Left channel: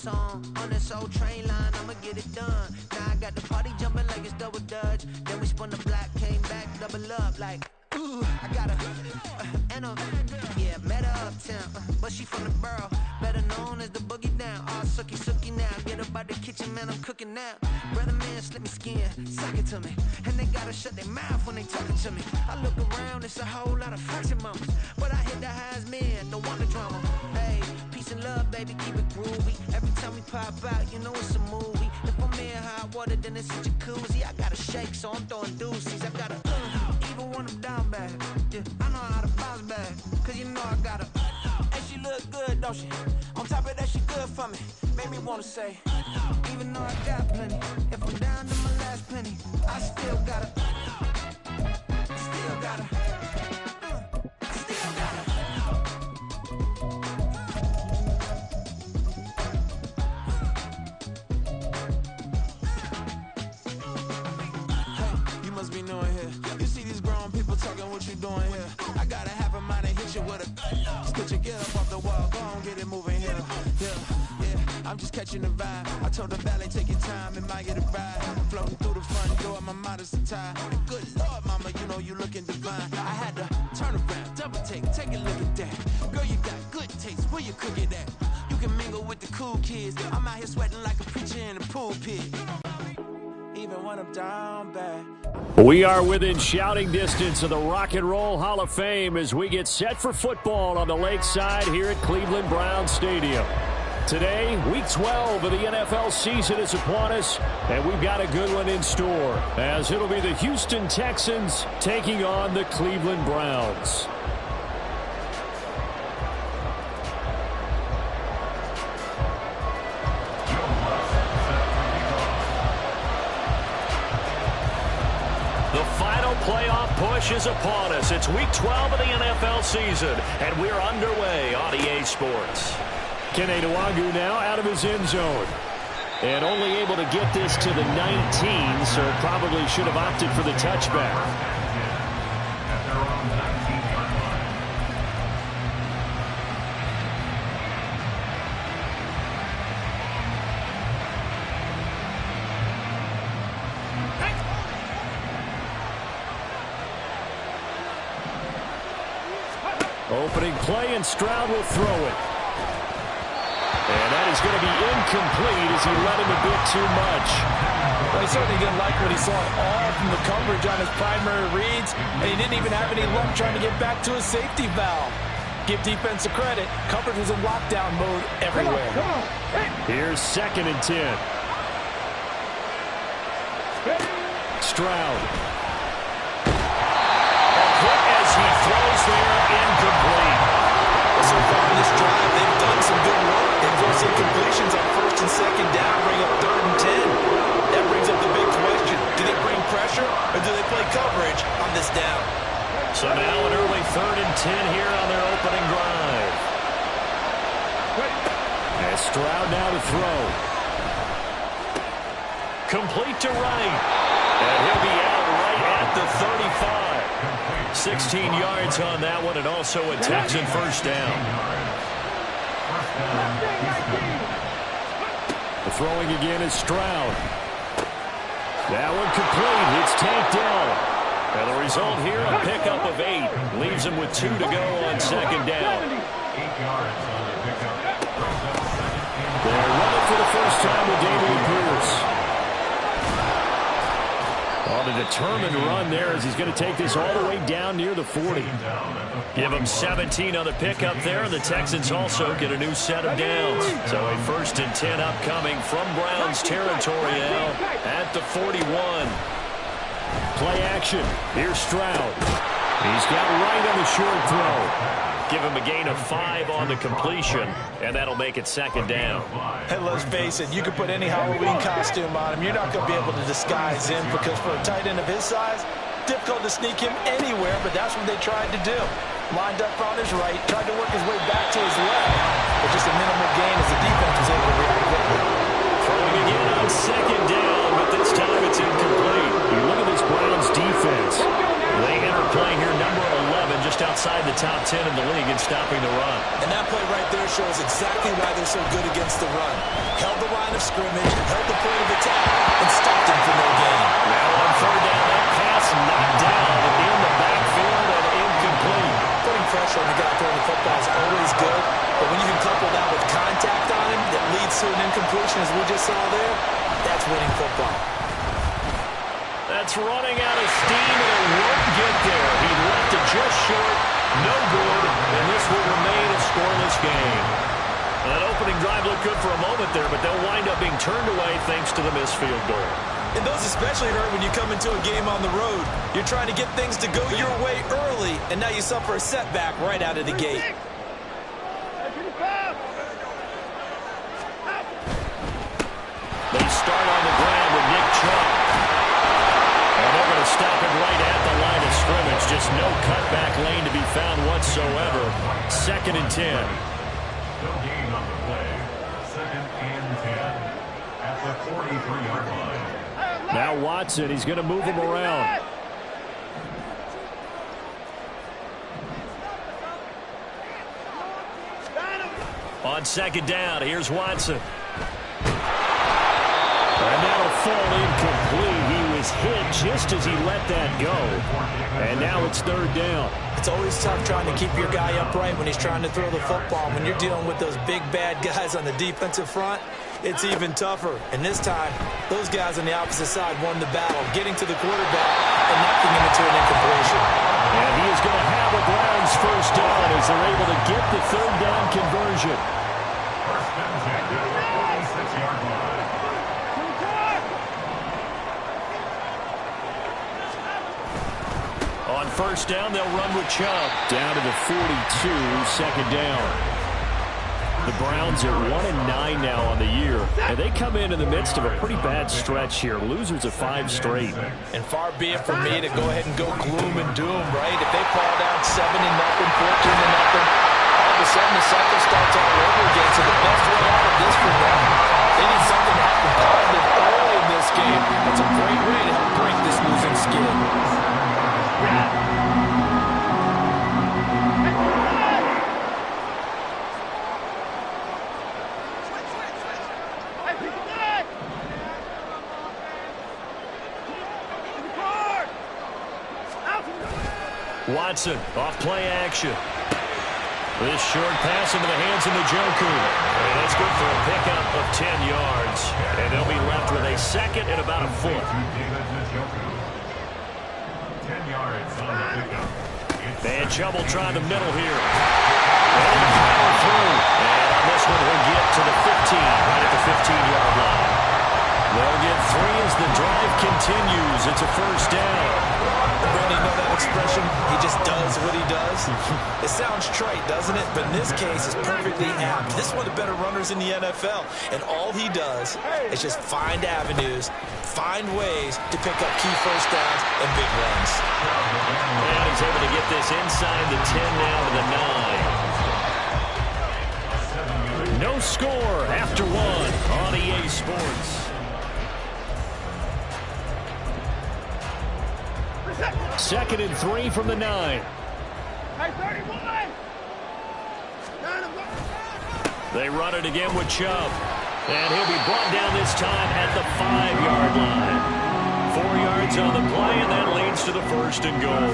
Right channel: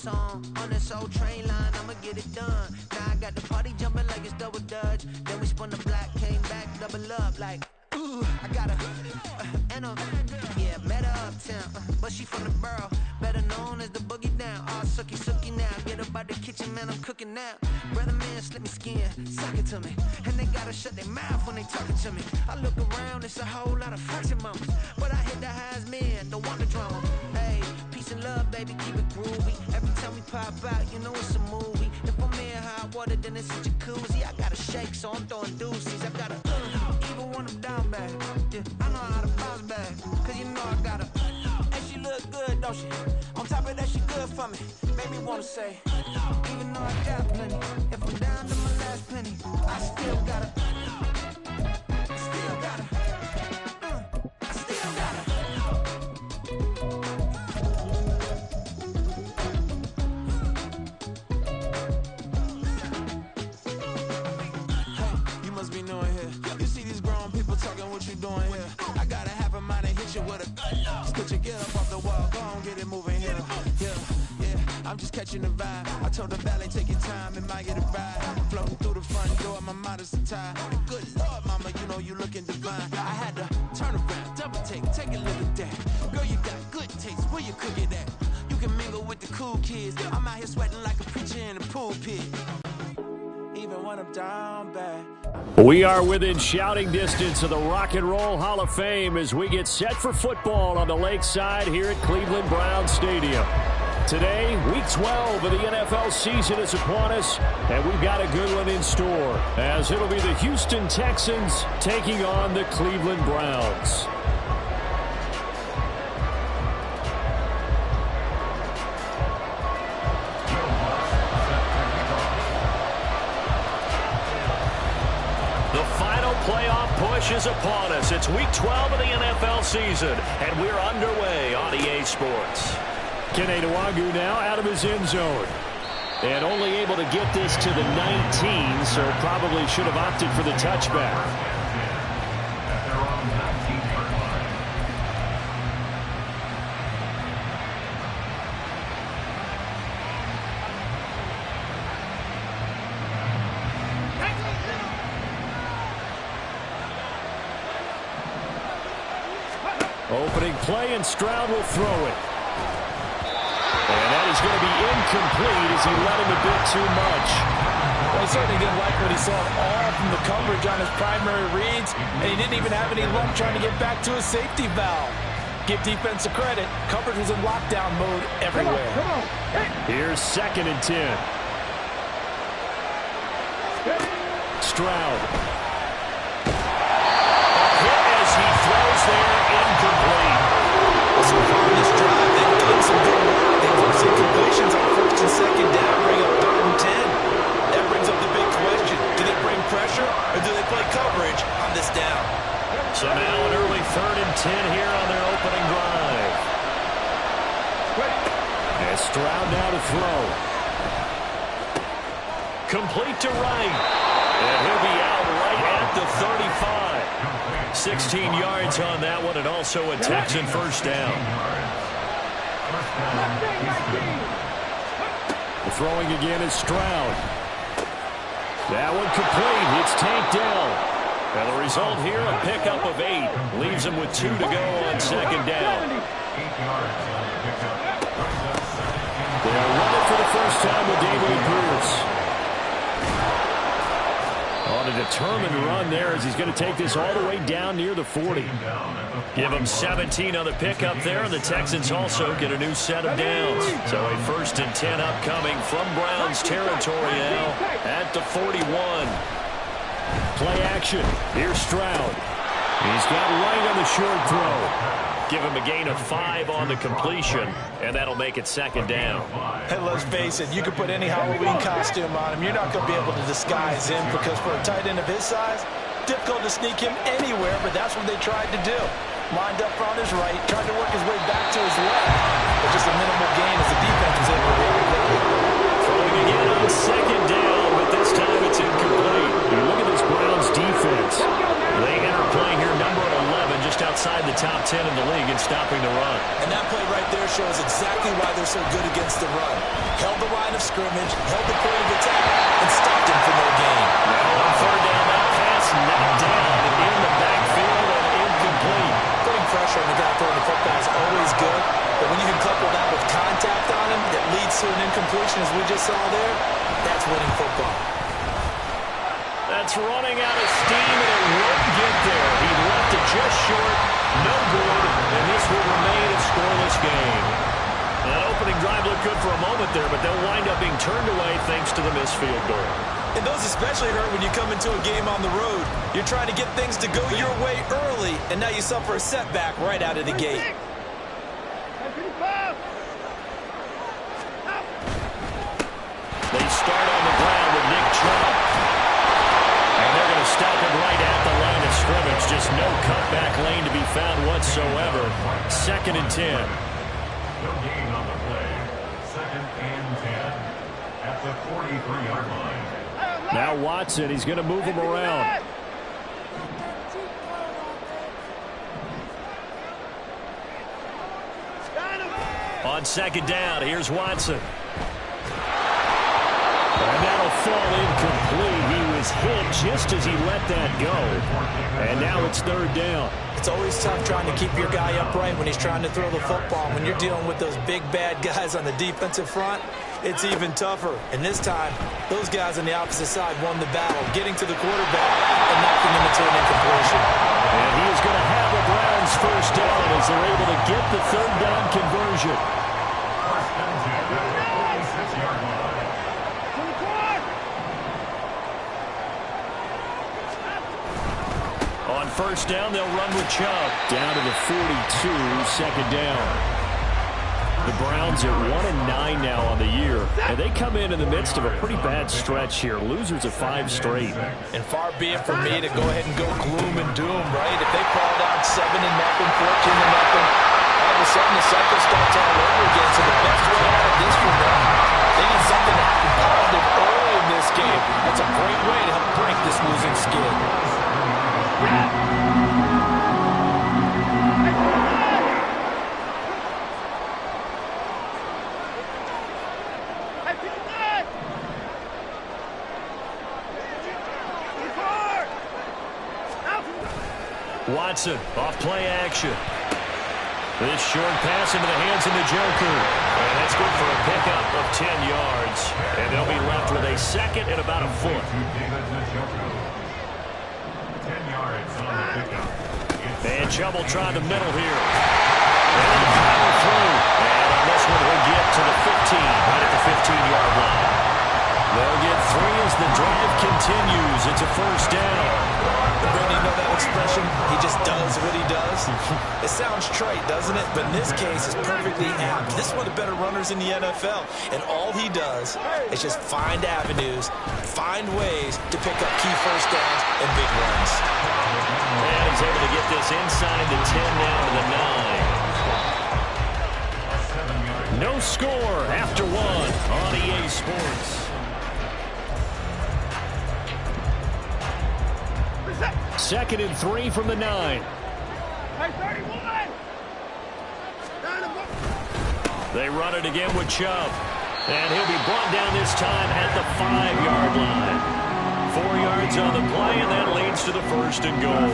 song on this old train line, I'ma get it done. Now I got the party jumping like it's double dutch. Then we spun the block, came back, double up like, ooh, I got a, and a, yeah, met her uptown, but she from the borough, better known as the boogie down. All sookie now, get up out the kitchen, man, I'm cooking now. Brother man, slip me skin, suck it to me, and they gotta shut their mouth when they talking to me. I look around, it's a whole lot of flexing mamas, but I hit the highs, man, don't want the drama. Hey, peace and love, baby, keep it groovy. Every time we pop out, you know it's a movie. If I'm in hot water, then it's a jacuzzi. I gotta shake, so I'm throwing deuces. I gotta, even when I'm down bad, yeah, I know how to bounce back, cause you know I gotta, and she look good, don't she? On top of that, she good for me, made me wanna say, even though I got plenty, if I'm down to my last penny, I still gotta, I still gotta. Be knowing here. You see these grown people talking, what you doing here? I gotta have a mind and hit you with a split you, get up off the wall, go on, get it moving here. Yeah, I'm just catching the vibe. I told the valet, take your time, it might get a ride. Floating through the front door, my mind is tied. Good Lord, mama, you know you looking divine. I had to turn around, double take a look at that. Girl, you got good taste, where you cook it at? You can mingle with the cool kids. I'm out here sweating like a preacher in a pulpit. Even when I'm down bad. We are within shouting distance of the Rock and Roll Hall of Fame as we get set for football on the lakeside here at Cleveland Browns Stadium. Today, Week 12 of the NFL season is upon us, and we've got a good one in store, as it'll be the Houston Texans taking on the Cleveland Browns. The final playoff push is upon us. It's Week 12 of the NFL season, and we're underway on EA Sports. Kene Nwagu now out of his end zone. And only able to get this to the 19, so probably should have opted for the touchback. Opening play, and Stroud will throw it. And that is going to be incomplete as he let him a bit too much. Well, he certainly didn't like what he saw at all from the coverage on his primary reads, and he didn't even have any luck trying to get back to his safety valve. Give defense a credit. Coverage was in lockdown mode everywhere. Come on. Here's 2nd and 10. Stroud. A hit as he throws there, incomplete. Well, so far in this drive, they've done some good work. They forced incompletions on 1st and 2nd down, bring up 3rd and 10. That brings up the big question. Do they bring pressure, or do they play coverage on this down? So now an early 3rd and 10 here on their opening drive. And Stroud now to throw. Complete to right. And he'll be out right at the 35. 16 yards on that one, and also a Texan first down. The throwing again is Stroud. That one complete. It's tanked down. And the result here, a pickup of 8. Leaves him with 2 to go on 2nd down. They'll run it for the first time with Dameon Pierce. On a determined run there as he's going to take this all the way down near the 40. Give him 17 on the pickup there, and the Texans also get a new set of downs. So a 1st and 10 upcoming from Browns territory now at the 41. Play action. Here's Stroud. He's got right on the short throw. Give him a gain of 5 on the completion, and that'll make it 2nd down. Hey, let's face it, you can put any Halloween costume on him. You're not going to be able to disguise him because for a tight end of his size, difficult to sneak him anywhere, but that's what they tried to do. Lined up on his right, tried to work his way back to his left, but just a minimal gain as the defense was able to react quickly. Throwing again on 2nd down, but this time it's incomplete. You look at this Browns defense. They enter play here, number 11, just outside outside the top 10 in the league in stopping the run. And that play right there shows exactly why they're so good against the run. Held the line of scrimmage, held the point of attack, and stopped him for no gain. Now on third down, that pass knocked down in the backfield and incomplete. Putting pressure on the guy throwing the football is always good, but when you can couple that with contact on him that leads to an incompletion, as we just saw there, that's winning football. That's running out of steam, and it won't get there. He left it just short, no good, and this will remain a scoreless game. That opening drive looked good for a moment there, but they'll wind up being turned away thanks to the missed field goal. And those especially hurt when you come into a game on the road. You're trying to get things to go your way early, and now you suffer a setback right out of the gate. They start on the ground with Nick Chubb. And they're going to stop it right at the line of scrimmage. Just no cutback lane to be found whatsoever. 2nd and 10. No gain on the play. 2nd and 10 at the 43-yard line. Now Watson, he's going to move him around. On 2nd down, here's Watson. And that'll fall incomplete. He was hit just as he let that go. And now it's 3rd down. It's always tough trying to keep your guy upright when he's trying to throw the football. When you're dealing with those big, bad guys on the defensive front, it's even tougher. And this time, those guys on the opposite side won the battle, getting to the quarterback and knocking him into an incompletion. And he is going to have a Browns first down as they're able to get the 3rd down conversion. First and 10 at the 46-yard line. On 1st down, they'll run with Chubb. Down to the 42, 2nd down. The Browns are 1-9 now on the year. And they come in the midst of a pretty bad stretch here. Losers of 5 straight. And far be it from me to go ahead and go gloom and doom, right? If they fall down 7-0, 14-0, all of a sudden the cycle starts all over again. So the best way out of this for them, they need something to happen positive early in this game. That's a great way to help break this losing skid. Watson off play action. This short pass into the hands of Njoku. And that's good for a pickup of 10 yards. And they'll be left with a 2nd and about a foot. 10 yards on the pickup. And Chubb will try the middle here. And he'll power through. And on this one, he'll get to the 15, right at the 15-yard line. They'll get 3 as the drive continues. It's a first down. Brandon, you know that expression? He just does what he does. It sounds trite, doesn't it? But in this case, it's perfectly apt. This is one of the better runners in the NFL. And all he does is just find avenues, find ways to pick up key first downs and big runs. And he's able to get this inside the 10 now to the 9. No score after 1 on EA Sports. 2nd and 3 from the 9. They run it again with Chubb. And he'll be brought down this time at the 5-yard line. 4 yards on the play, and that leads to the 1st and goal.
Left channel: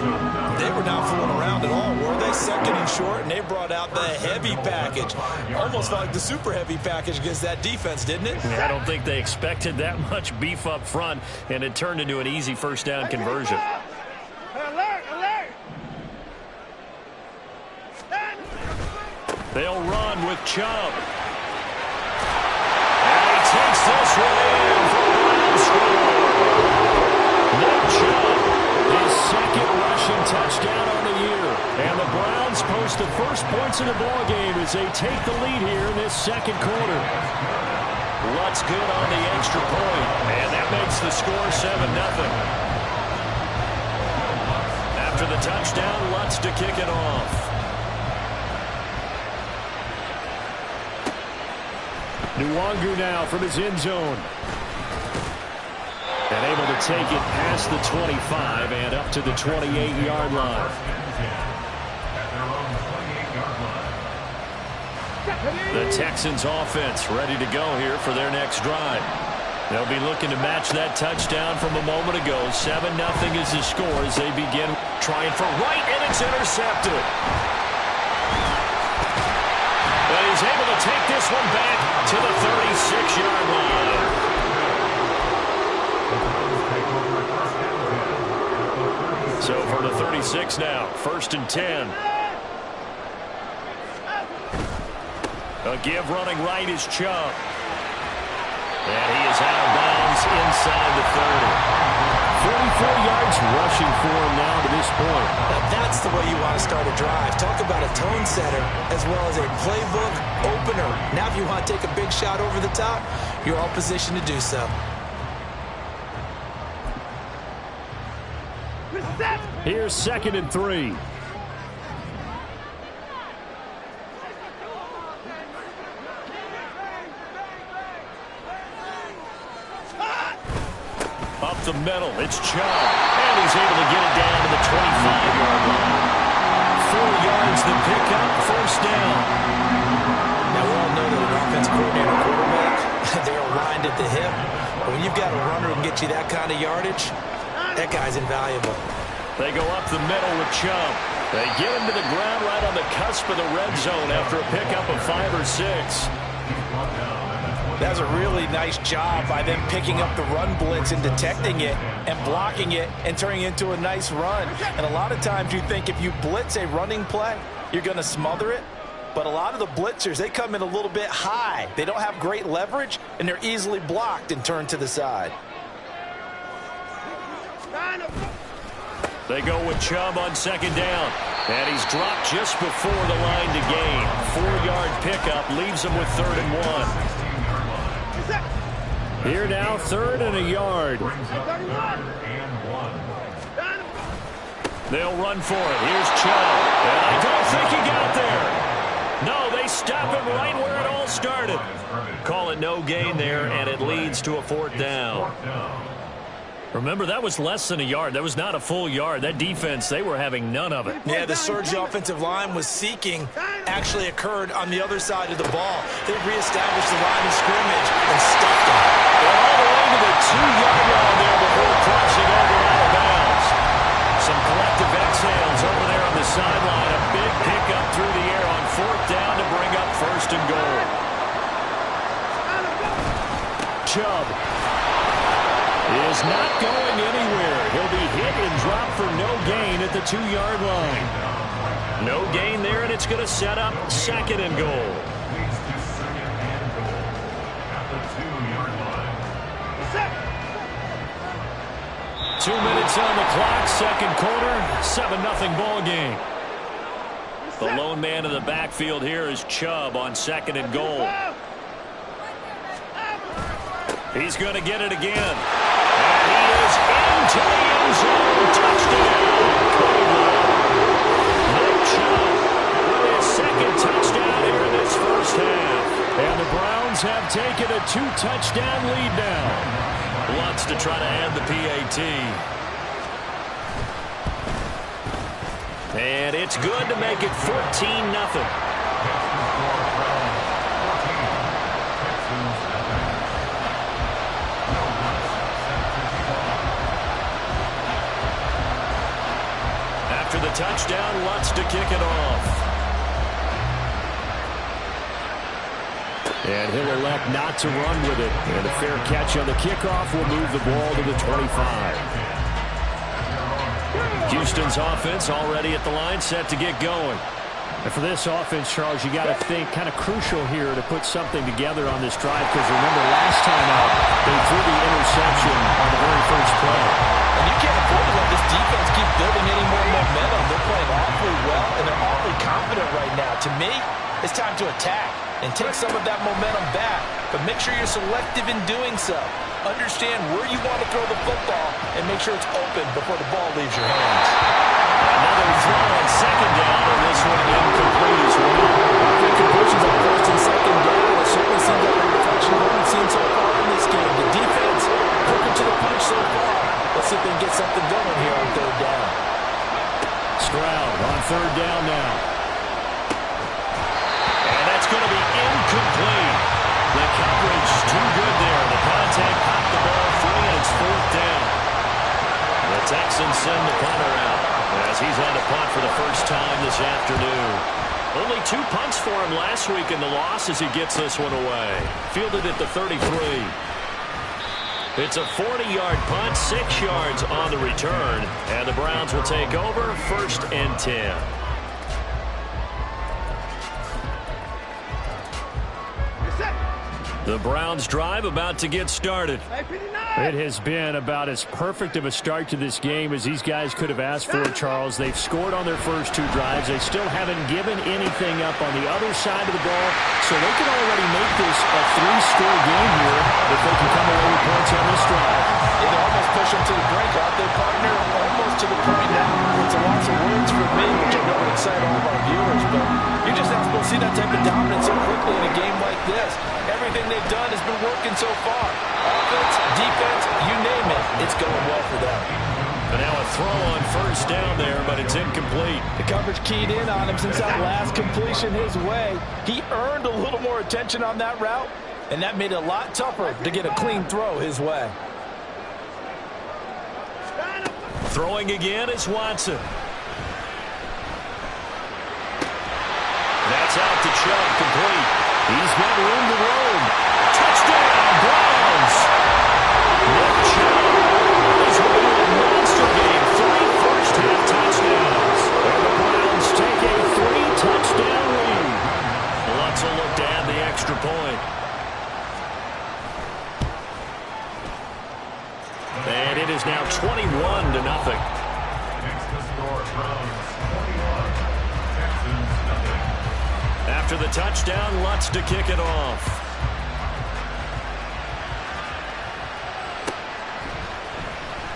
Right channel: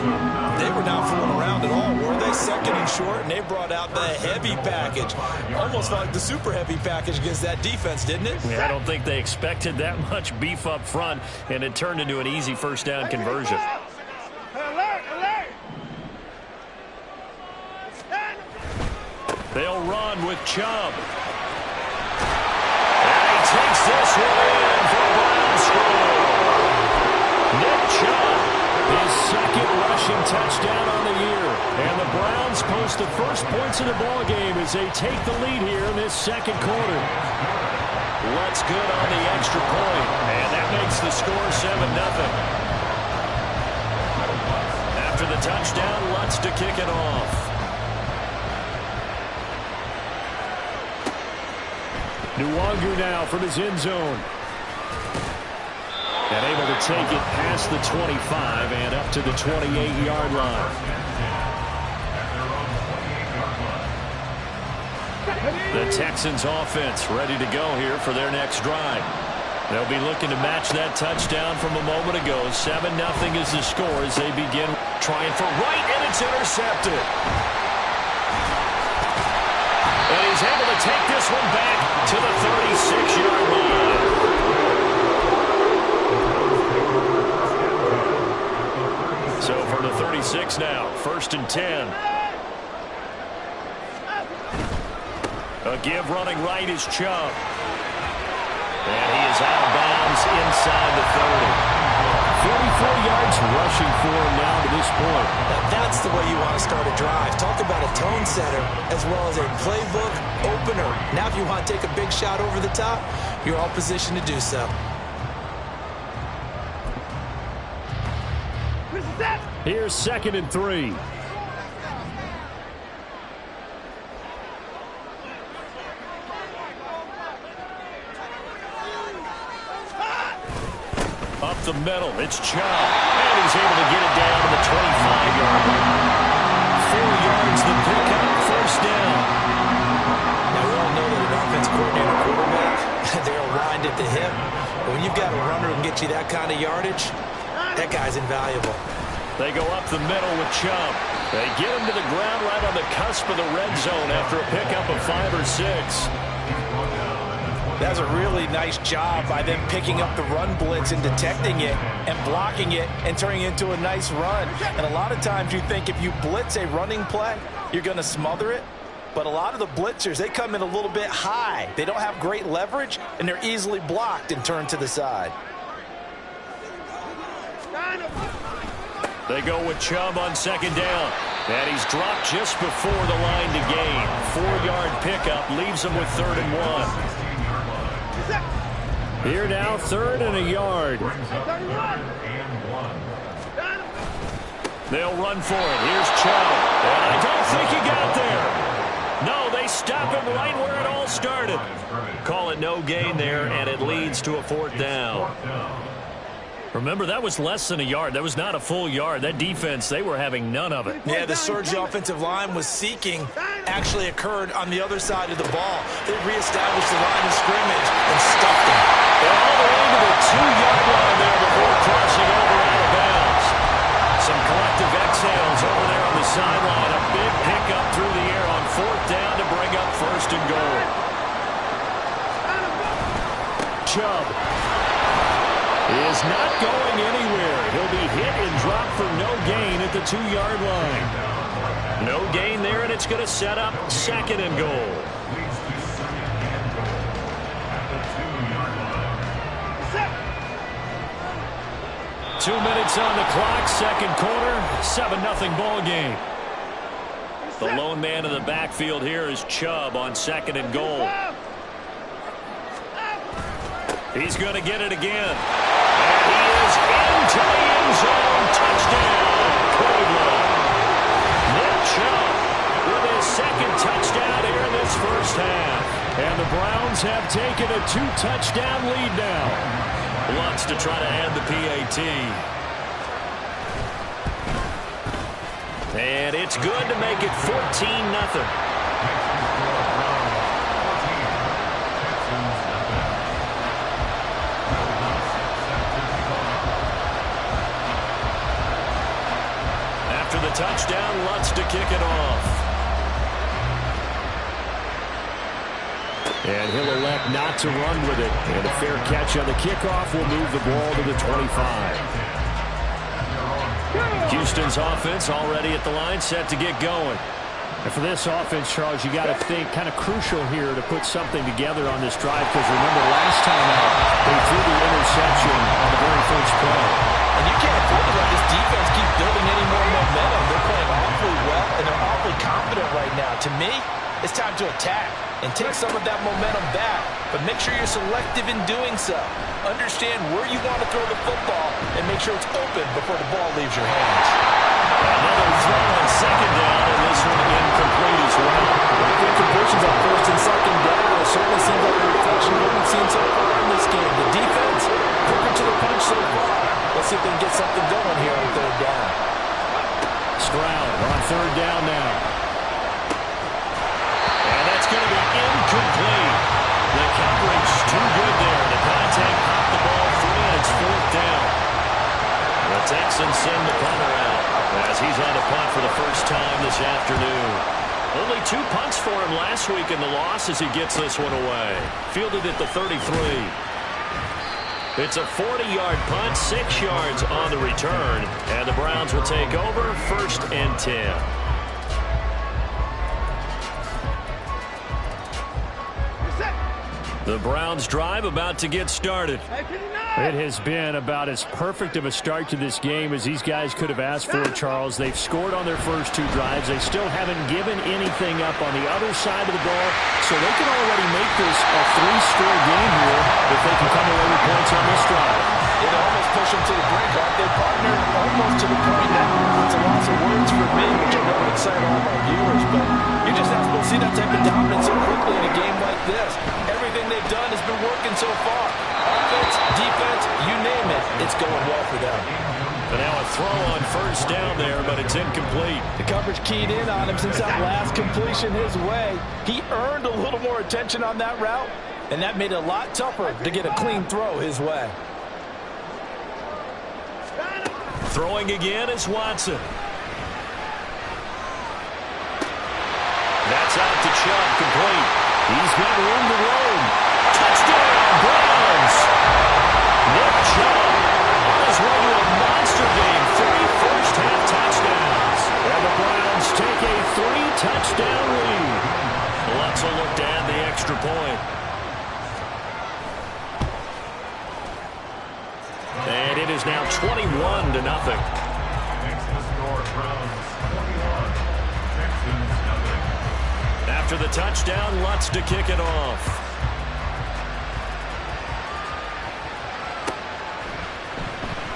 They were not fooling around at all, were they? 2nd and short, and they brought out the heavy package. Almost like the super heavy package against that defense, didn't it? Yeah, I don't think they expected that much beef up front, and it turned into an easy first down conversion. They'll run with Chubb. And he takes this one in for a Browns score. Nick Chubb, his 2nd rushing touchdown on the year. And the Browns post the first points of the ballgame as they take the lead here in this 2nd quarter. Lutz good on the extra point. And that makes the score 7-0. After the touchdown, Lutz to kick it off. Nwangu now from his end zone. And able to take it past the 25 and up to the 28-yard line. The Texans offense ready to go here for their next drive. They'll be looking to match that touchdown from a moment ago. 7-0 is the score as they begin trying for right, and it's intercepted. And he's able to take this one back to the 36-yard line. So for the 36 now, 1st and 10. A give running right is Chubb. And he is out of bounds inside the 30. 44 yards rushing for him now to this point. Now that's the way you want to start a drive. Talk about a tone setter as well as a playbook opener. Now if you want to take a big shot over the top, you're all positioned to do so. Here's 2nd and 3. Up the middle, it's Chubb. And he's able to get it down to the 25-yard line. 4 yards the pickup, 1st down. Now we all know that an offense coordinator and quarterback, they're aligned at the hip. But when you've got a runner who can get you that kind of yardage, that guy's invaluable. They go up the middle with Chubb. They get him to the ground right on the cusp of the red zone after a pickup of 5 or 6. That's a really nice job by them picking up the run blitz and detecting it and blocking it and turning it into a nice run. And a lot of times you think if you blitz a running play, you're going to smother it. But a lot of the blitzers, they come in a little bit high. They don't have great leverage, and they're easily blocked and turned to the side. They go with Chubb on 2nd down. And he's dropped just before the line to gain. 4-yard pickup leaves him with 3rd and 1. Here now, 3rd and a yard. They'll run for it. Here's Chubb. And I don't think he got there. No, they stop him right where it all started. Call it no gain there, and it leads to a 4th down. Remember, that was less than a yard. That was not a full yard. That defense, they were having none of it. Yeah, the surge the offensive line was seeking actually occurred on the other side of the ball. They reestablished the line of scrimmage and stuffed them. They're all the way to the 2-yard line there before crossing over out of bounds. Some collective exhales over there on the sideline. A big pickup through the air on 4th down to bring up 1st and goal. Chubb is not going anywhere. He'll be hit and dropped for no gain at the 2-yard line. No gain there, and it's going to set up 2nd and goal. Leads to 2nd and goal at the 2-yard line. 2 minutes on the clock, 2nd quarter, 7-0 ball game. The lone man in the backfield here is Chubb on 2nd and goal. He's going to get it again. And he is into the end zone. Touchdown, Cleveland. Nick Chubb with his 2nd touchdown here in this 1st half. And the Browns have taken a 2-touchdown lead now. Lutz to try to add the PAT. And it's good to make it 14-0. After the touchdown, Lutz to kick it off. And he'll elect not to run with it. And a fair catch on the kickoff will move the ball to the 25. Houston's offense already at the line, set to get going. And for this offense, Charles, you got to think kind of crucial here to put something together on this drive, because remember last time out, they threw the interception on the very first play. And you can't afford to let this defense keep building any more momentum. They're playing awfully well, and they're awfully confident right now. To me, it's time to attack and take some of that momentum back, but make sure you're selective in doing so. Understand where you want to throw the football and make sure it's open before the ball leaves your hands. Another throw on 2nd down, and this one incomplete as well. Good completions on 1st and 2nd down. It certainly seems like a reflection of what we've seen so far in this game. The defense, quicker to the punch so far. Let's see if they can get something going here on 3rd down. Stroud on 3rd down now. It's going to be incomplete. The coverage too good there. The contact popped the ball free, and it's 4th down. The Texans send the punter out as he's on the punt for the first time this afternoon. Only 2 punts for him last week in the loss as he gets this one away. Fielded at the 33. It's a 40-yard punt, 6 yards on the return, and the Browns will take over 1st and 10. The Browns drive about to get started. It has been about as perfect of a start to this game as these guys could have asked for, Charles. They've scored on their first 2 drives. They still haven't given anything up on the other side of the ball, so they can already make this a 3-score game here if they can come away with points on this drive. It almost pushed them to the brink, aren't they, partner? Almost to the point now. It's a lots of words for me, which I know would excite all of our viewers, but you're just not supposed to see that type of dominance so quickly in a game like this. Everything they've done has been working so far. Offense, defense, you name it, it's going well for them. And now a throw on 1st down there, but it's incomplete. The coverage keyed in on him since that last completion his way. He earned a little more attention on that route, and that made it a lot tougher to get a clean throw his way. Throwing again is Watson. That's out to Chubb, complete. He's got room to roam. Touchdown, Browns! Nick Chubb on his way to a monster game. 3 first-half touchdowns. And the Browns take a 3-touchdown lead. Let's look to add the extra point. And it is now 21-0. Next to score, Browns 21, Texans nothing. After the touchdown, Lutz to kick it off.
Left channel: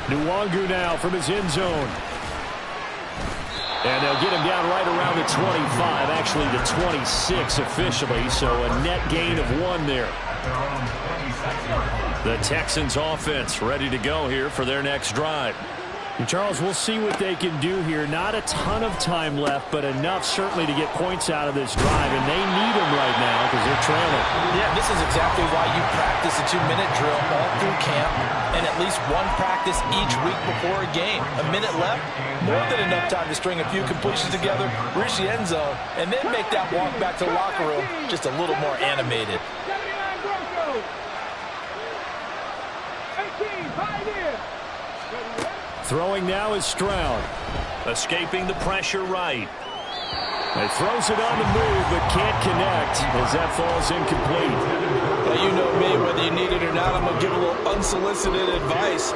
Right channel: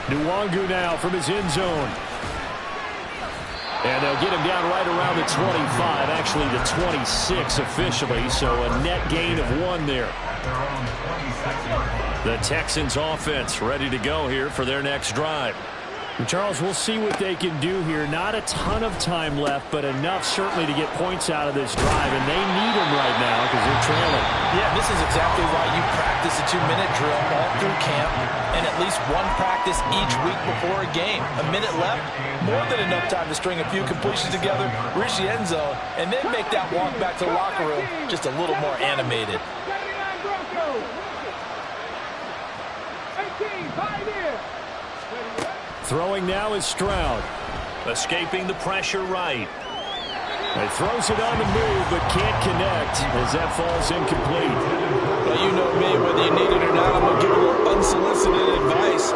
Nwangu now from his end zone. And they'll get him down right around the 25, actually the 26 officially, so a net gain of 1 there. At their own 26-yard line. The Texans offense ready to go here for their next drive. And Charles, we'll see what they can do here. Not a ton of time left, but enough certainly to get points out of this drive, and they need them right now because they're trailing. Yeah, this is exactly why you practice a 2-minute drill all through camp and at least 1 practice each week before a game. A minute left, more than enough time to string a few completions together, reach the end zone, and then make that walk back to the locker room just a little more animated. 79 Broncos. 18, pioneer. Throwing now is Stroud. Escaping the pressure right. He throws it on the move, but can't connect as that falls incomplete. Well, you know me, whether you need it or not, I'm going to give a little unsolicited advice.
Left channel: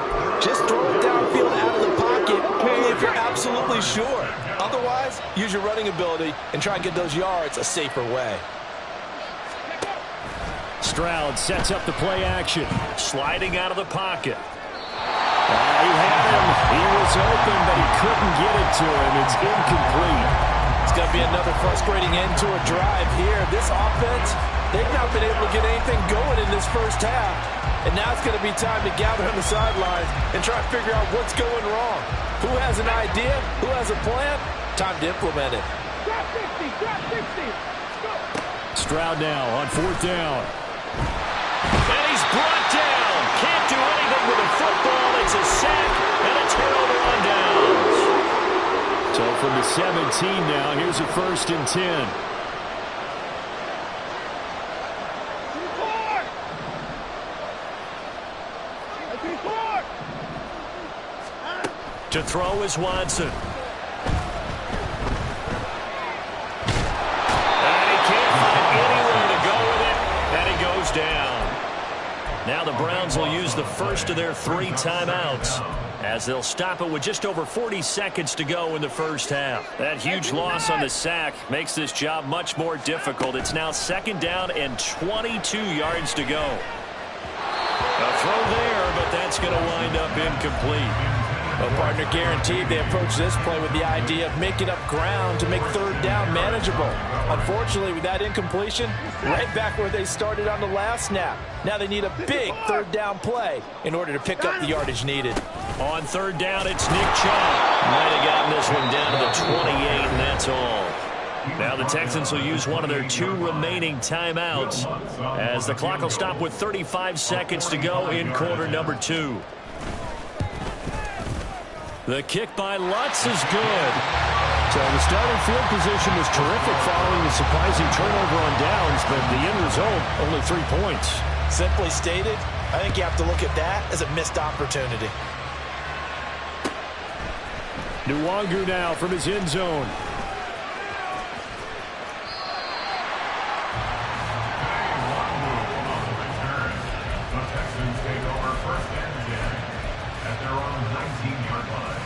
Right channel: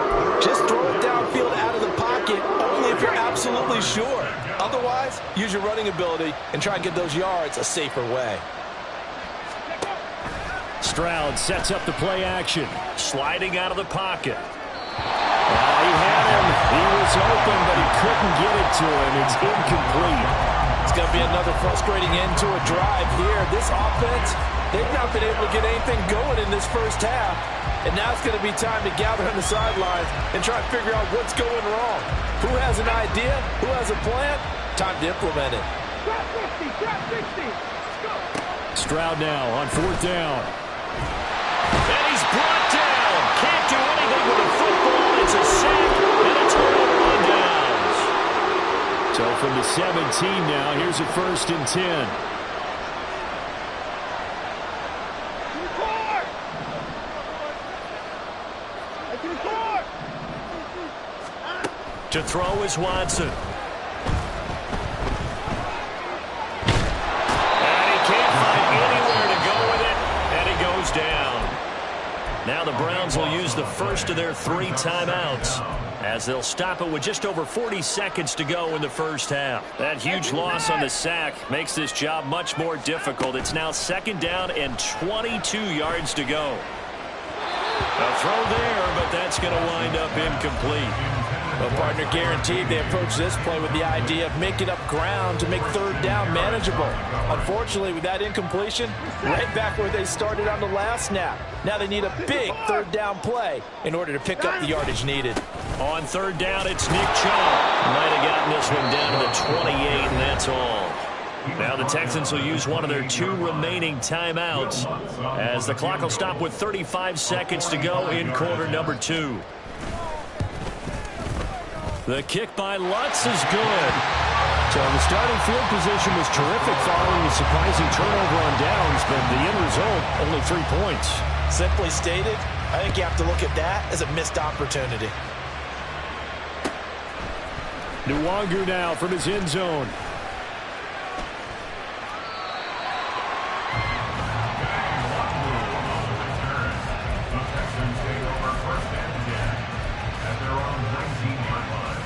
Just throw it downfield out of the pocket, only if you're absolutely sure. Otherwise, use your running ability and try and get those yards a safer way. Stroud sets up the play action. Sliding out of the pocket. He had him. He was open, but he couldn't get it to him. It's incomplete. It's going to be another frustrating end to a drive here. This offense, they've not been able to get anything going in this first half. And now it's going to be time to gather on the sidelines and try to figure out what's going wrong. Who has an idea? Who has a plan? Time to implement it. Drop 60, drop 60. Go. Stroud now on 4th down. And he's brought down. Can't do anything with the football. It's a sack and a turnover on downs. So from the 17 now, here's a 1st and 10. To throw is Watson. And he can't find anywhere to go with it. And he goes down. Now the Browns will use the first of their 3 timeouts as they'll stop it with just over 40 seconds to go in the first half. That huge loss on the sack makes this job much more difficult. It's now 2nd down and 22 yards to go. A throw there, but that's going to wind up incomplete. Well, partner, guaranteed they approach this play with the idea of making up ground to make 3rd down manageable. Unfortunately, with that incompletion, right back where they started on the last snap. Now they need a big 3rd down play in order to pick up the yardage needed. On 3rd down, it's Nick Chubb. Might have gotten this one down to the 28, and that's all. Now the Texans will use one of their 2 remaining timeouts as the clock will stop with 35 seconds to go in quarter number 2. The kick by Lutz is good. So the starting field position was terrific following the surprising turnover on downs, but the end result, only 3 points. Simply stated, I think you have to look at that as a missed opportunity. Nwangu now from his end zone.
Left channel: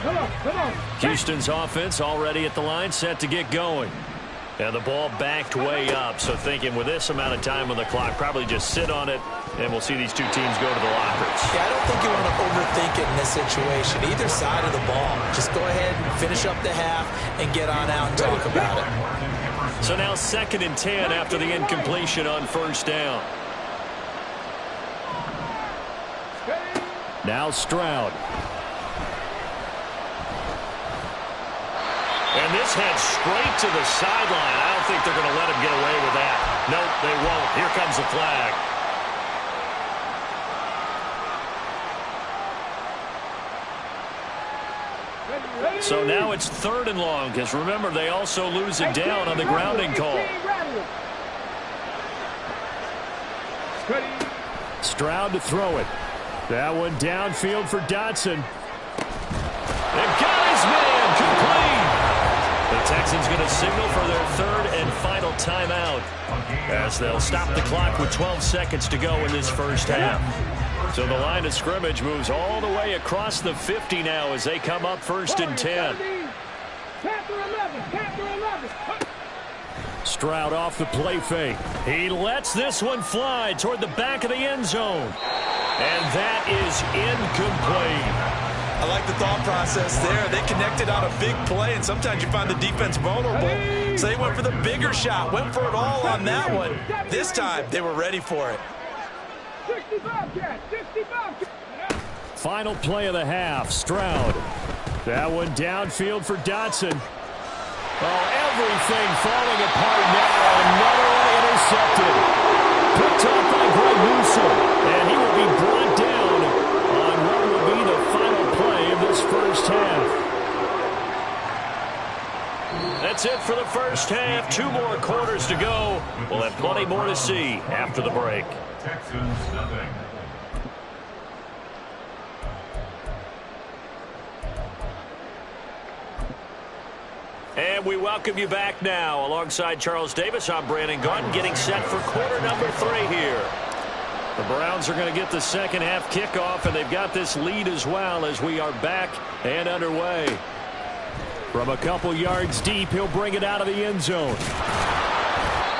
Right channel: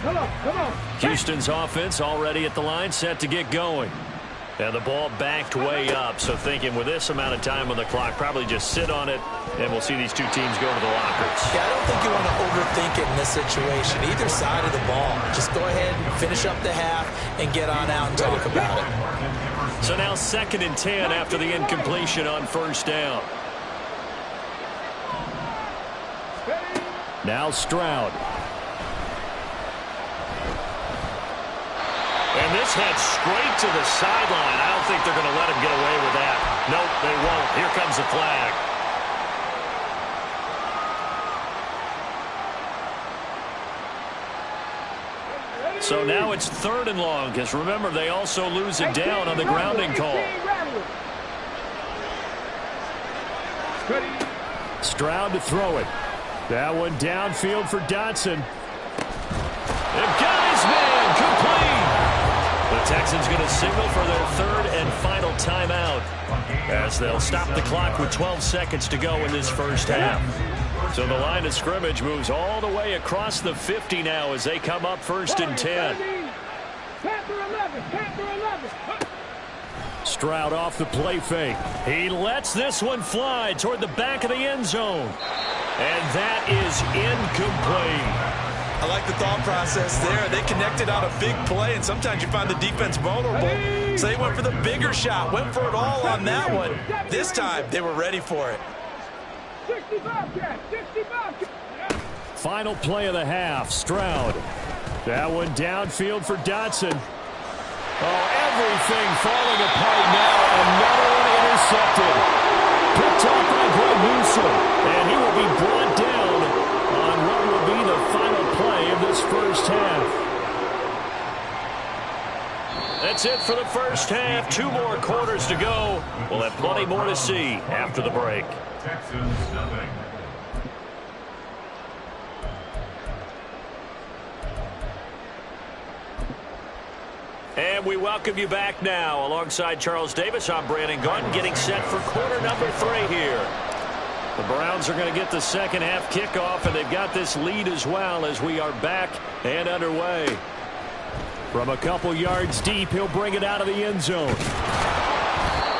Come on. Houston's offense already at the line, set to get going. And the ball backed way up, so thinking with this amount of time on the clock, probably just sit on it, and we'll see these 2 teams go to the lockers. Yeah, I don't think you want to overthink it in this situation. Either side of the ball. Just go ahead and finish up the half and get on out and talk about it. So now 2nd and 10 after the incompletion on first down. Now Stroud. And this head straight to the sideline. I don't think they're going to let him get away with that. Nope, they won't. Here comes the flag. So now it's 3rd and long, because remember, they also lose it down on the grounding call. Stroud to throw it. That one downfield for Dotson. They've got his man, complete. The Texans going to signal for their 3rd and final timeout as they'll stop the clock with 12 seconds to go in this first half. So the line of scrimmage moves all the way across the 50 now as they come up 1st and 10. Stroud off the play fake. He lets this one fly toward the back of the end zone. And that is incomplete. I like the thought process there. They connected on a big play, and sometimes you find the defense vulnerable. So they went for the bigger shot, went for it all on that one. This time, they were ready for it. 65 catch. Final play of the half, Stroud. That one downfield for Dotson. Oh, everything falling apart now. Another one intercepted. Picked off by Greg Newsome. And he will be brought down on what will be the final play of this first half. That's it for the first half. 2 more quarters to go. We'll have plenty more to see after the break. Texans nothing. And we welcome you back now. Alongside Charles Davis, I'm Brandon Gaudin, getting set for quarter number 3 here. The Browns are going to get the second half kickoff, and they've got this lead as well as we are back and underway. From a couple yards deep, he'll bring it out of the end zone.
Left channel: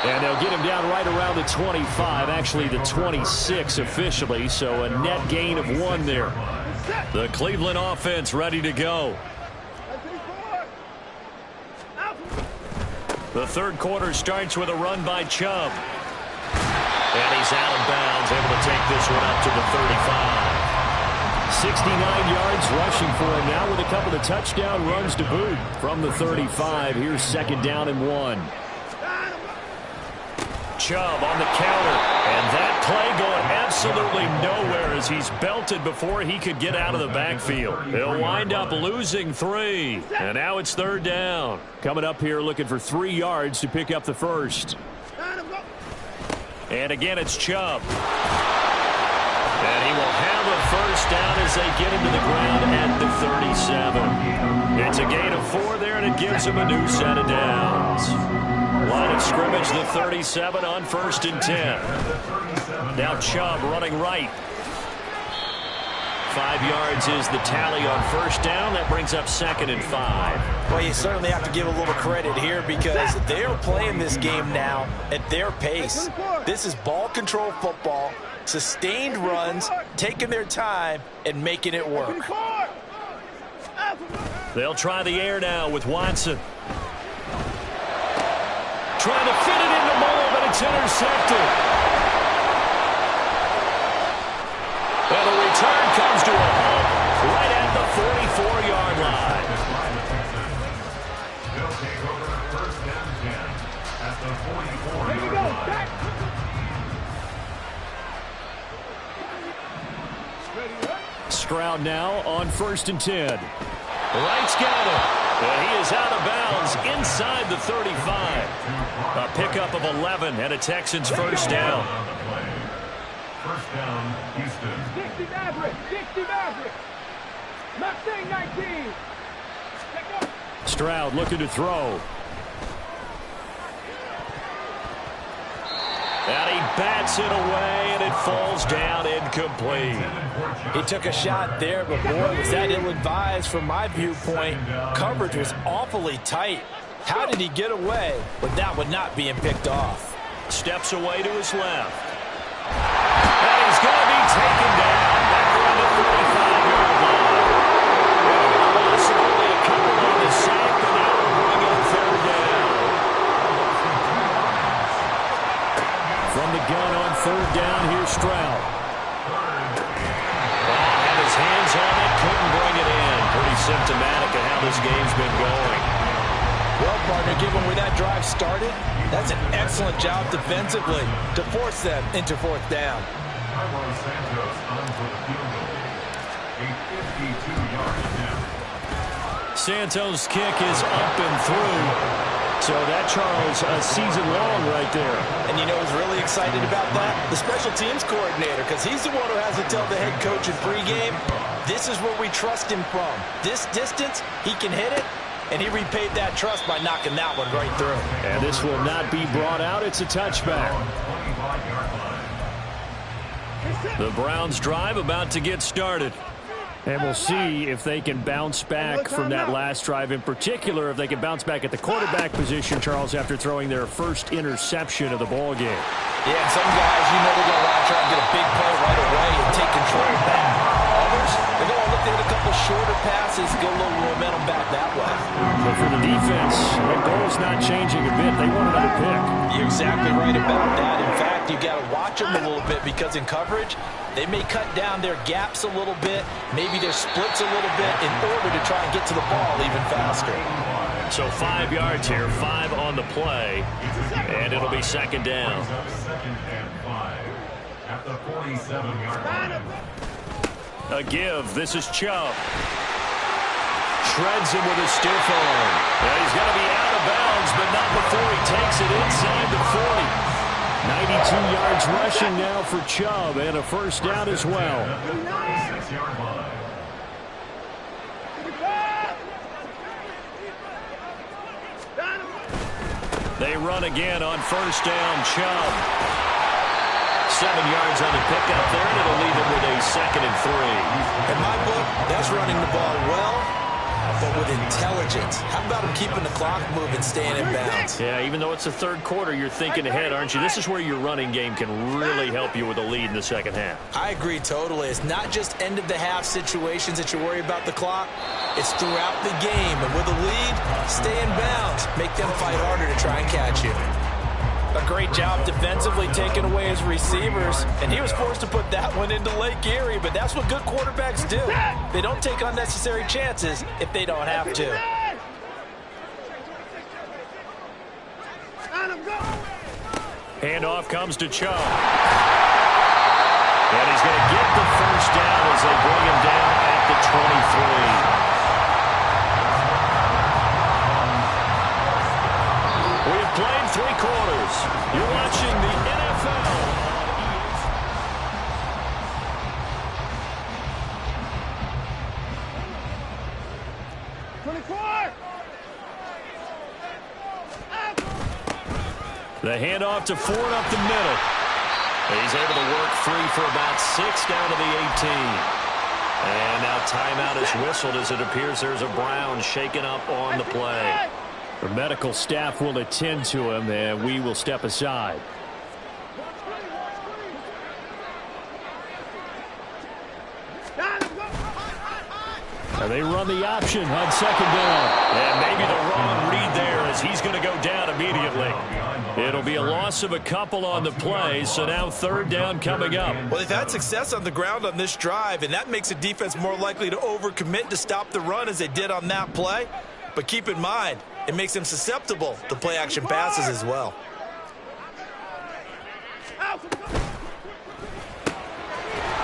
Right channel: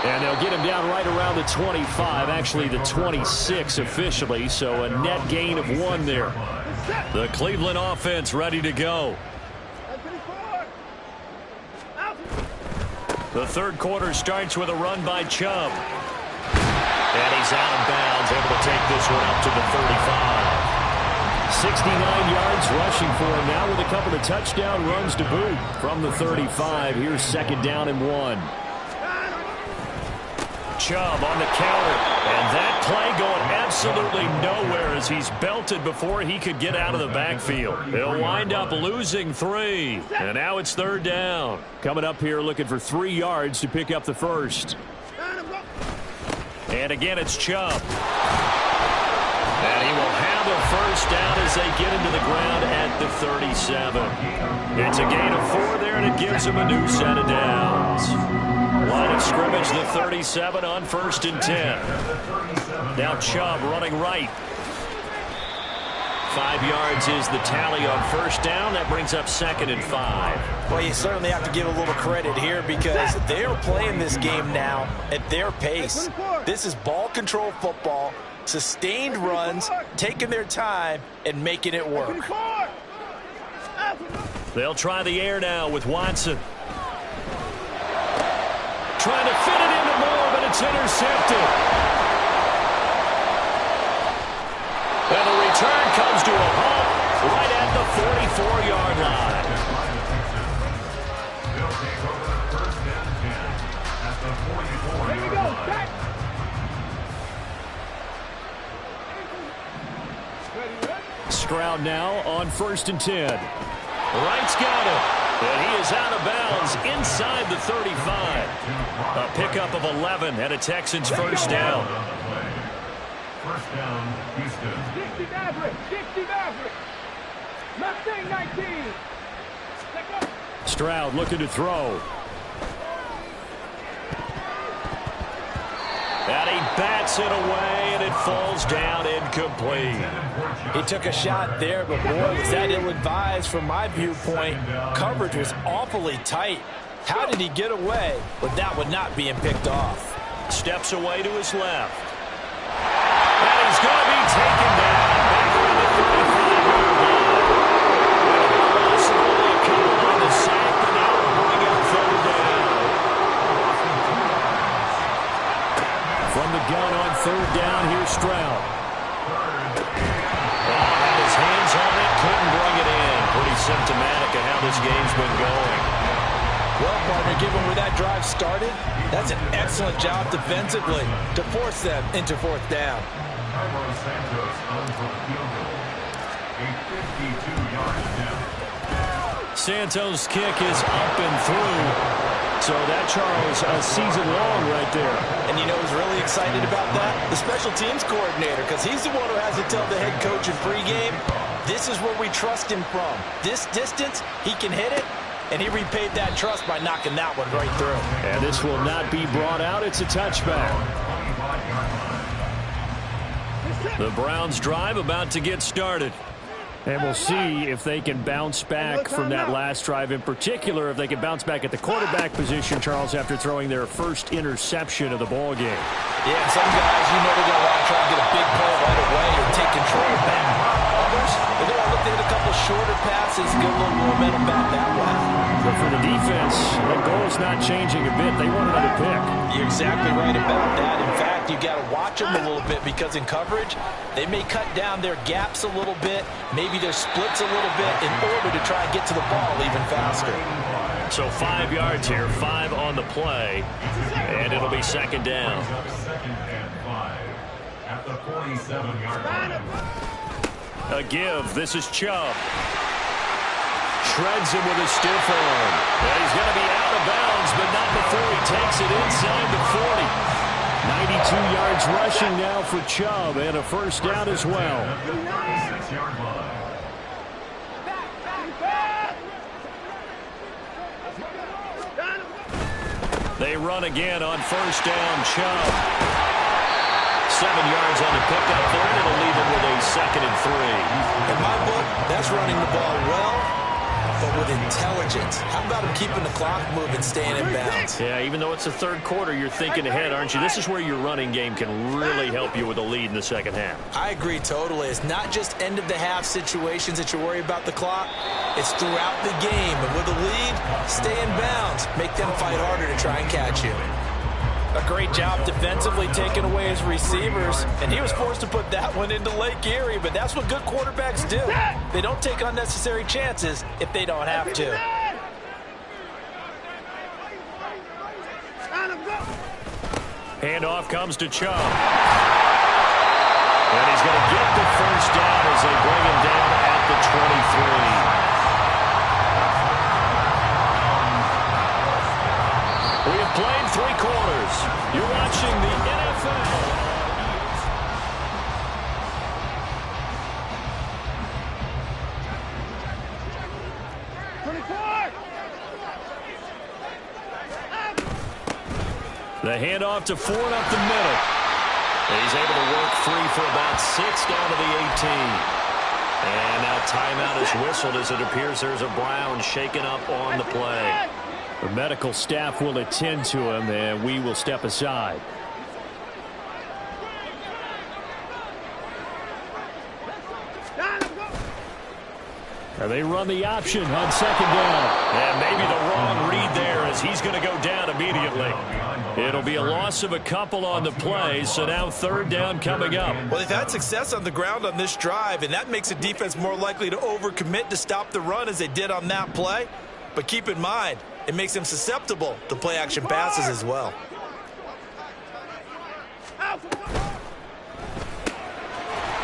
And they'll get him down right around the 25, actually the 26 officially, so a net gain of 1 there. The Cleveland offense ready to go. The third quarter starts with a run by Chubb. And he's out of bounds, able to take this one up to the 35. 69 yards rushing for him now with a couple of touchdown runs to boot from the 35. Here's 2nd down and 1. Chubb on the counter, and that play going absolutely nowhere as he's belted before he could get out of the backfield. He'll wind up losing 3, and now it's 3rd down. Coming up here looking for 3 yards to pick up the first. And again, it's Chubb. And he will have a first down as they get into the ground at the 37. It's a gain of 4 there, and it gives him a new set of downs. Line of scrimmage, the 37 on 1st and 10. Now Chubb running right. 5 yards is the tally on first down. That brings up 2nd and 5. Well, you certainly have to give a little credit here because they're playing this game now at their pace. This is ball control football, sustained runs, taking their time, and making it work. They'll try the air now with Watson. Trying to fit it into Moore, but it's intercepted. And the return comes to a halt right at the 44-yard line. They'll take over 1st and 10. the 44-yard Here we go. line. Back. Ready, ready. Stroud now on 1st and 10. Wright's got it. And he is out of bounds inside the 35. A pickup of 11 and a Texans first down. On the play. First down, Houston. 60 Maverick. 60 Maverick. Mustang 19. Take up. Stroud looking to throw. And he bats it away, and it falls down incomplete. He took a shot there, but boy, was that ill-advised from my viewpoint. Coverage was awfully tight. How did he get away with that one not being picked off? Steps away to his left. And he's going to be taken down back around the 35-yard line. And a loss of only a couple on the sack, but now we'll bring up third down. From the gun on third down, here's Stroud. Oh, had his hands on it, couldn't bring it in. Pretty symptomatic of how this game's been going. Well, partner, given where that drive started, that's an excellent job defensively to force them into fourth down. Carlos Santos on for the field goal. A 52-yard attempt. Santos' kick is up and through. So that, Charles, a season long right there. And you know who's really excited about that? The special teams coordinator, because he's the one who has to tell the head coach in pregame, this is where we trust him from. This distance, he can hit it, and he repaid that trust by knocking that one right through. And this will not be brought out. It's a touchback. 25-yard line. The Browns' drive about to get started. And we'll see if they can bounce back from that last drive, in particular if they can bounce back at the quarterback position, Charles, after throwing their first interception of the ball game. Yeah, some guys, you know, they're going to want to try and get a big play right away and take control back. Others, they're going to look to hit a couple shorter passes, get a little momentum back that way. But for the defense, the goal's not changing a bit. They want another pick. You're exactly right about that. In fact, you got to watch them a little bit because in coverage, they may cut down their gaps a little bit, maybe their splits a little bit in order to try and get to the ball even faster. So 5 yards here, 5 on the play, and it'll be second down. Second and 5 at the 47-yard line. A give. This is Chubb. Shreds him with a stiff arm. And he's going to be out of bounds, but not before he takes it inside the 40. 92 yards rushing now for Chubb, and a first down as well. 36-yard line. They run again on first down. Chubb. 7 yards on the pickup there, and it'll leave him with a second and 3. In my book, that's running the ball well, but with intelligence. How about him keeping the clock moving, staying in bounds? Yeah, even though it's the third quarter, you're thinking ahead, aren't you? This is where your running game can really help you with a lead in the second half. I agree totally. It's not just end-of-the-half situations that you worry about the clock. It's throughout the game. And with a lead, stay in bounds. Make them fight harder to try and catch you. A great job defensively taking away his receivers, and he was forced to put that one into Lake Erie, but that's what good quarterbacks do. They don't take unnecessary chances if they don't have to. Handoff comes to Chubb. And he's going to get the first down as they bring him down at the 23. We have played 3 quarters. You're watching the NFL on ESPN. 24! The handoff to Ford up the middle. He's able to work free for about 6 down to the 18. And now timeout is whistled as it appears there's a Brown shaken up on the play. The medical staff will attend to him, and we will step aside. And they run the option on second down. And maybe the wrong read there as he's going to go down immediately. It'll be a loss of a couple on the play, so now third down coming up. Well, they've had success on the ground on this drive, and that makes a defense more likely to overcommit to stop the run as they did on that play. But keep in mind, it makes them susceptible to play-action passes as well.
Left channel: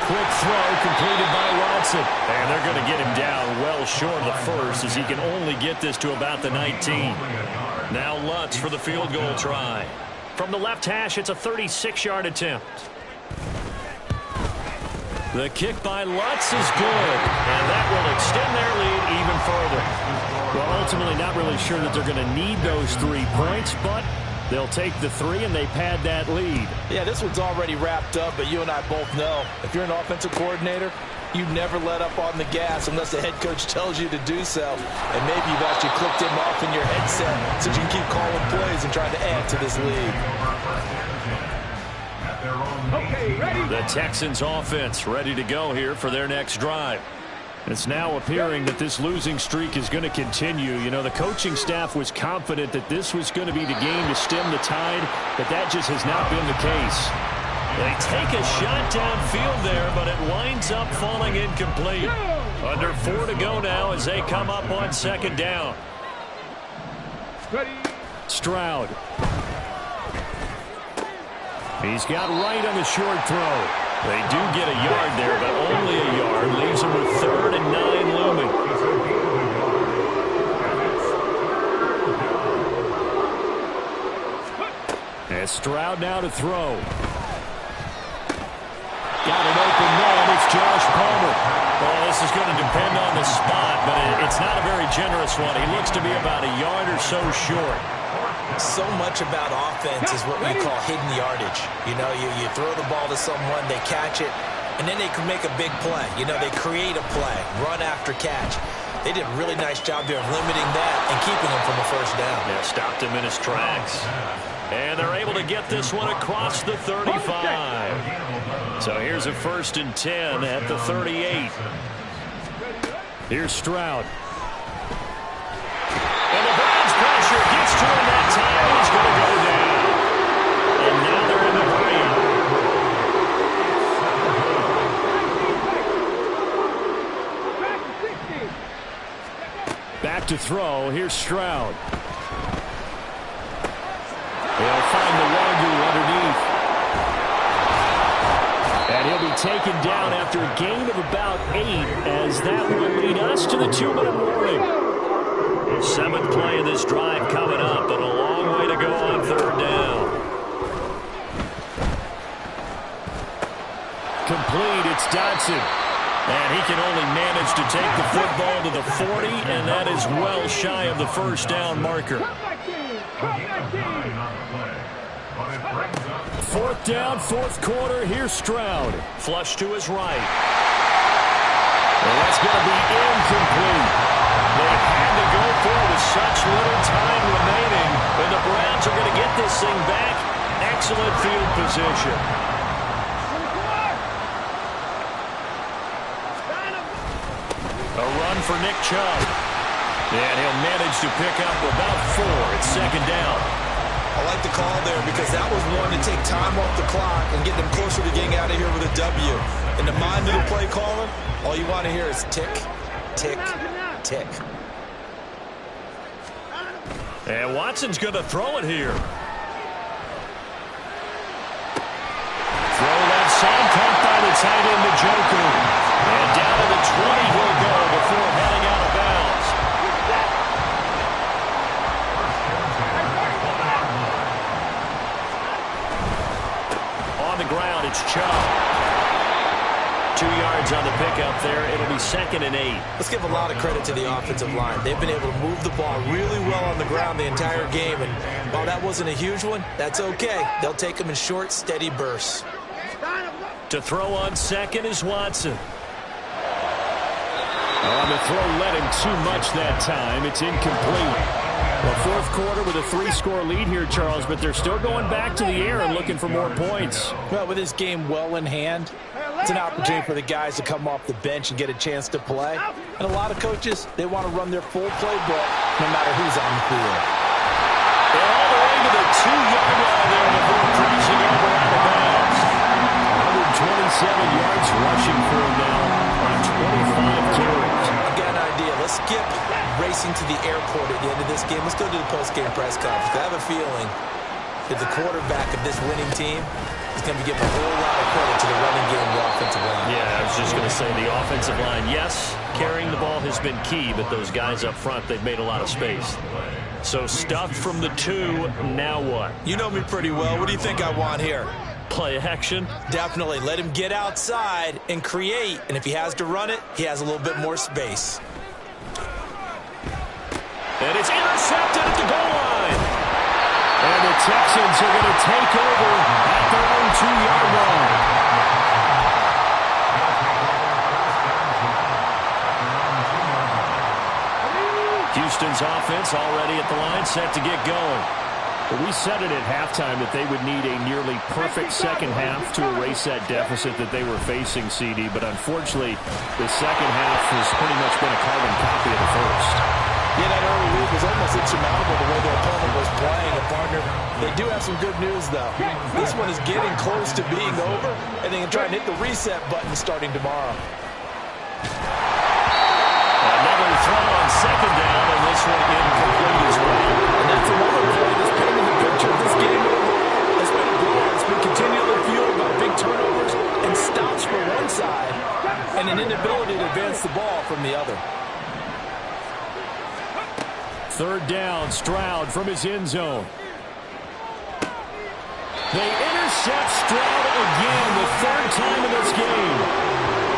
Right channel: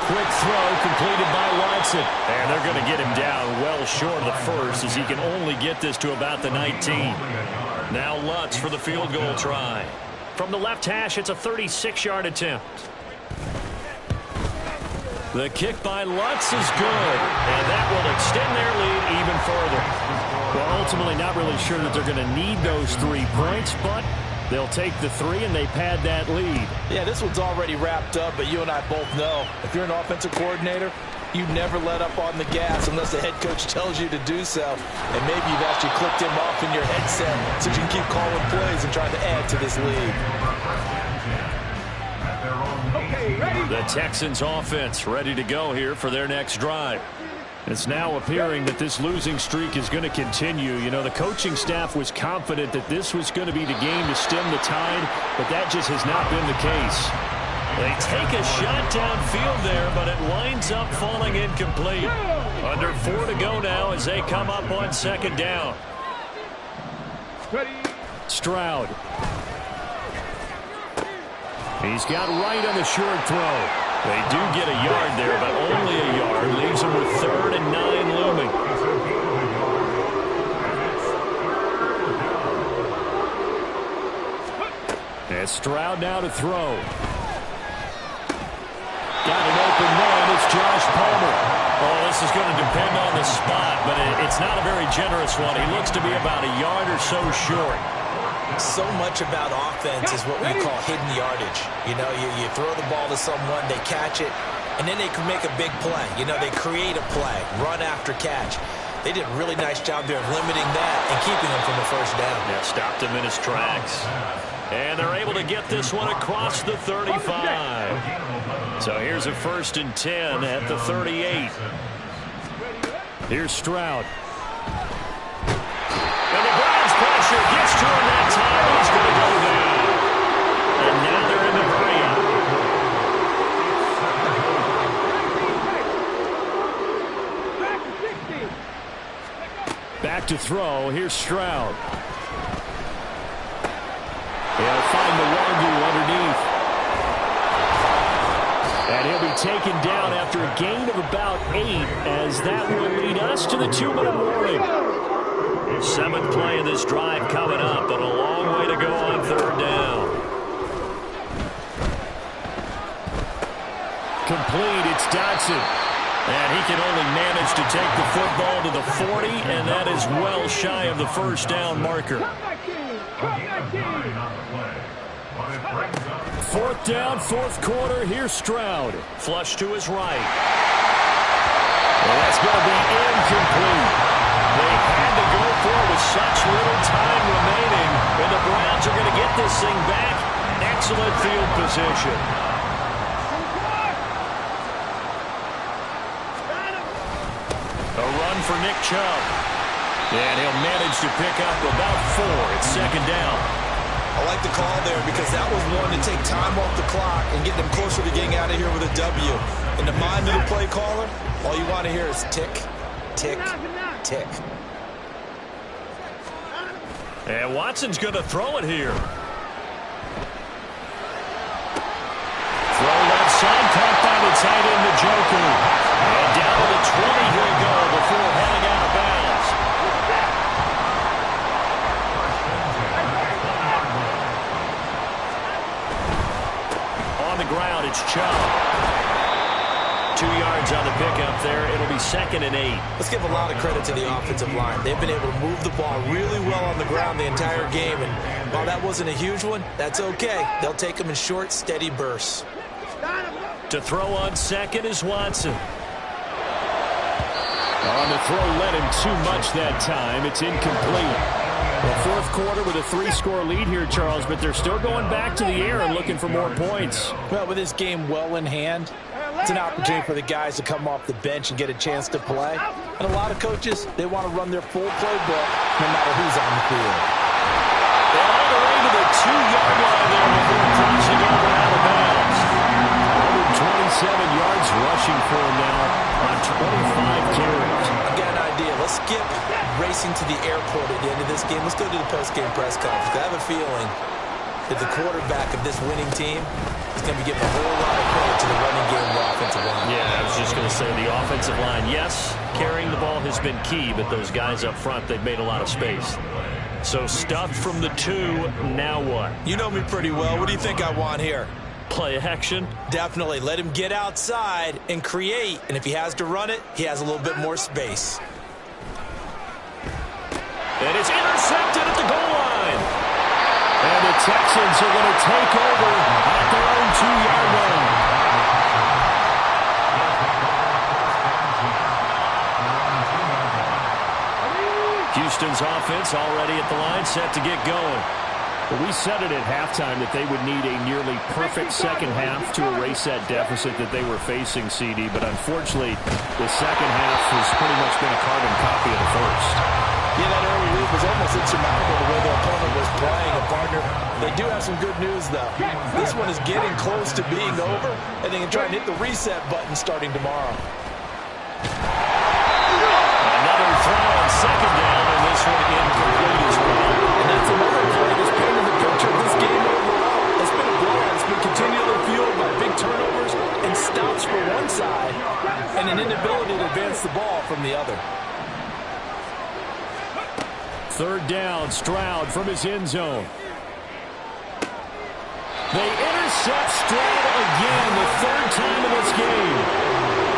quick throw completed by Watson. And they're going to get him down well short of the first as he can only get this to about the 19. Now Lutz for the field goal try. From the left hash, it's a 36-yard attempt. The kick by Lutz is good, and that will extend their lead even further. Well, ultimately not really sure that they're going to need those 3 points, but they'll take the 3 and they pad that lead. Yeah, this one's already wrapped up, but you and I both know if you're an offensive coordinator, you never let up on the gas unless the head coach tells you to do so. And maybe you've actually clicked him off in your headset so you can keep calling plays and trying to add to this lead. Okay, ready? The Texans offense ready to go here for their next drive. It's now appearing that this losing streak is going to continue. You know, the coaching staff was confident that this was going to be the game to stem the tide, but that just has not been the case. They take a shot downfield there, but it winds up falling incomplete. Under 4 to go now as they come up on second down. Ready? Stroud. He's got right on the short throw. They do get a yard there, but only a yard. Leaves them with 3rd and 9 looming. And Stroud now to throw. Got an open man. It's Josh Palmer. Oh, this is going to depend on the spot, but it's not a very generous one. He looks to be about a yard or so short. So much about offense is what we call hidden yardage. You know, you throw the ball to someone, they catch it, and then they can make a big play. You know, they create a play, run after catch. They did a really nice job there of limiting that and keeping him from a first down. Yeah, stopped him in his tracks. And they're able to get this one across the 35. So here's a 1st and 10 at the 38. Here's Stroud. And the Browns pressure gets to him that time, and he's going to go down. And now they're in the green. Back to throw. Here's Stroud. He'll find the Wagyu underneath. And he'll be taken down after a gain of about 8, as that will lead us to the 2-minute warning. 7th play of this drive coming up, but a long way to go on 3rd down. Complete, it's Dotson. And he can only manage to take the football to the 40, and that is well shy of the first down marker. 4th down, 4th quarter. Here's Stroud. Flush to his right. And that's going to be incomplete. They had to go for it with such little time remaining, and the Browns are going to get this thing back. Excellent field position. A run for Nick Chubb. And he'll manage to pick up about 4. It's 2nd down. I like the call there because that was one to take time off the clock and get them closer to getting out of here with a W. In the mind of the play caller, all you want to hear is tick, tick, tick. And Watson's going to throw it here. Throw left side, caught by the tight end, Njoku. And down to the 20 he'll go before heading out of bounds. On the ground, it's Chubb. 2 yards on the pickup there. It'll be 2nd and 8. Let's give a lot of credit to the offensive line. They've been able to move the ball really well on the ground the entire game. And while that wasn't a huge one, that's okay. They'll take them in short, steady bursts. To throw on 2nd is Watson. On the throw, led him too much that time. It's incomplete. Well, 4th quarter with a 3-score lead here, Charles, but they're still going back to the air and looking for more points. Well, with this game well in hand, it's an opportunity for the guys to come off the bench and get a chance to play. And a lot of coaches, they want to run their full playbook no matter who's on the field. And all the way to the 2-yard line there before crossing over out of bounds. 127 yards rushing for him now on 25 carries. I've got an idea. Let's skip racing to the airport at the end of this game. Let's go to the post-game press conference. I have a feeling that the quarterback of this winning team is going to be giving a whole lot of credit to the running game and the offensive line. Yeah, I was just going to say the offensive line, yes, carrying the ball has been key, but those guys up front, they've made a lot of space. So stuffed from the 2, now what? You know me pretty well. What do you think I want here? Play action? Definitely. Let him get outside and create, and if he has to run it, he has a little bit more space. And it's intercepted at the goal line. And the Texans are going to take over at their own 2-yard line. Houston's offense already at the line, set to get going. Well, we said it at halftime that they would need a nearly perfect second half to erase that deficit that they were facing, CD. But unfortunately, the second half has pretty much been a carbon copy of the first. Yeah, that early lead was almost insurmountable the way their opponent was playing. And, partner, they do have some good news, though. This one is getting close to being over, and they can try and hit the reset button starting tomorrow. Another throw on second down, and this one incomplete as well. And that's another play that's painted the picture of this game overall. It's been a blowout. It's been continually fueled by big turnovers and stops for one side and an inability to advance the ball from the other. Third down, Stroud from his end zone. They intercept Stroud again, the third time in this game.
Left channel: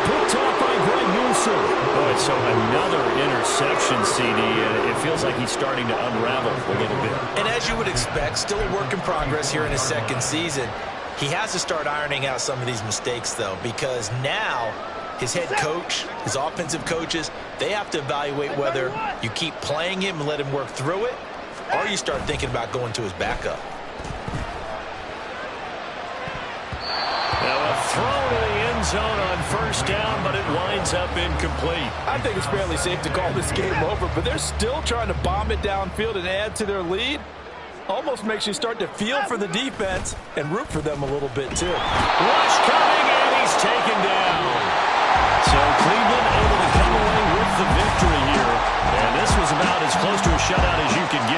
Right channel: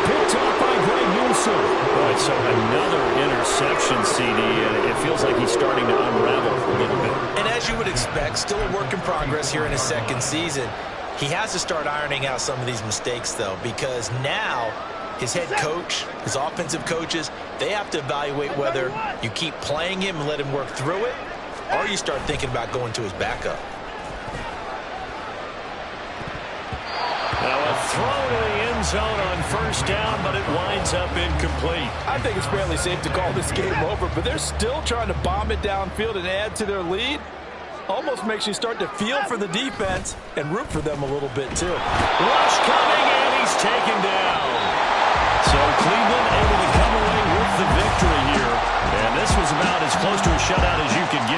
Picked off by Greg Newsome. Boy, so another interception, CD, and it feels like he's starting to unravel a little bit. And as you would expect, still a work in progress here in his second season. He has to start ironing out some of these mistakes, though, because now his head coach, his offensive coaches, they have to evaluate whether you keep playing him and let him work through it, or you start thinking about going to his backup. Now a throw to the end zone on first down, but it winds up incomplete. I think it's fairly safe to call this game over, but they're still trying to bomb it downfield and add to their lead. Almost makes you start to feel for the defense and root for them a little bit, too. Rush coming, and he's taken down. So Cleveland able to come away with the victory here. And this was about as close to a shutout as you could get.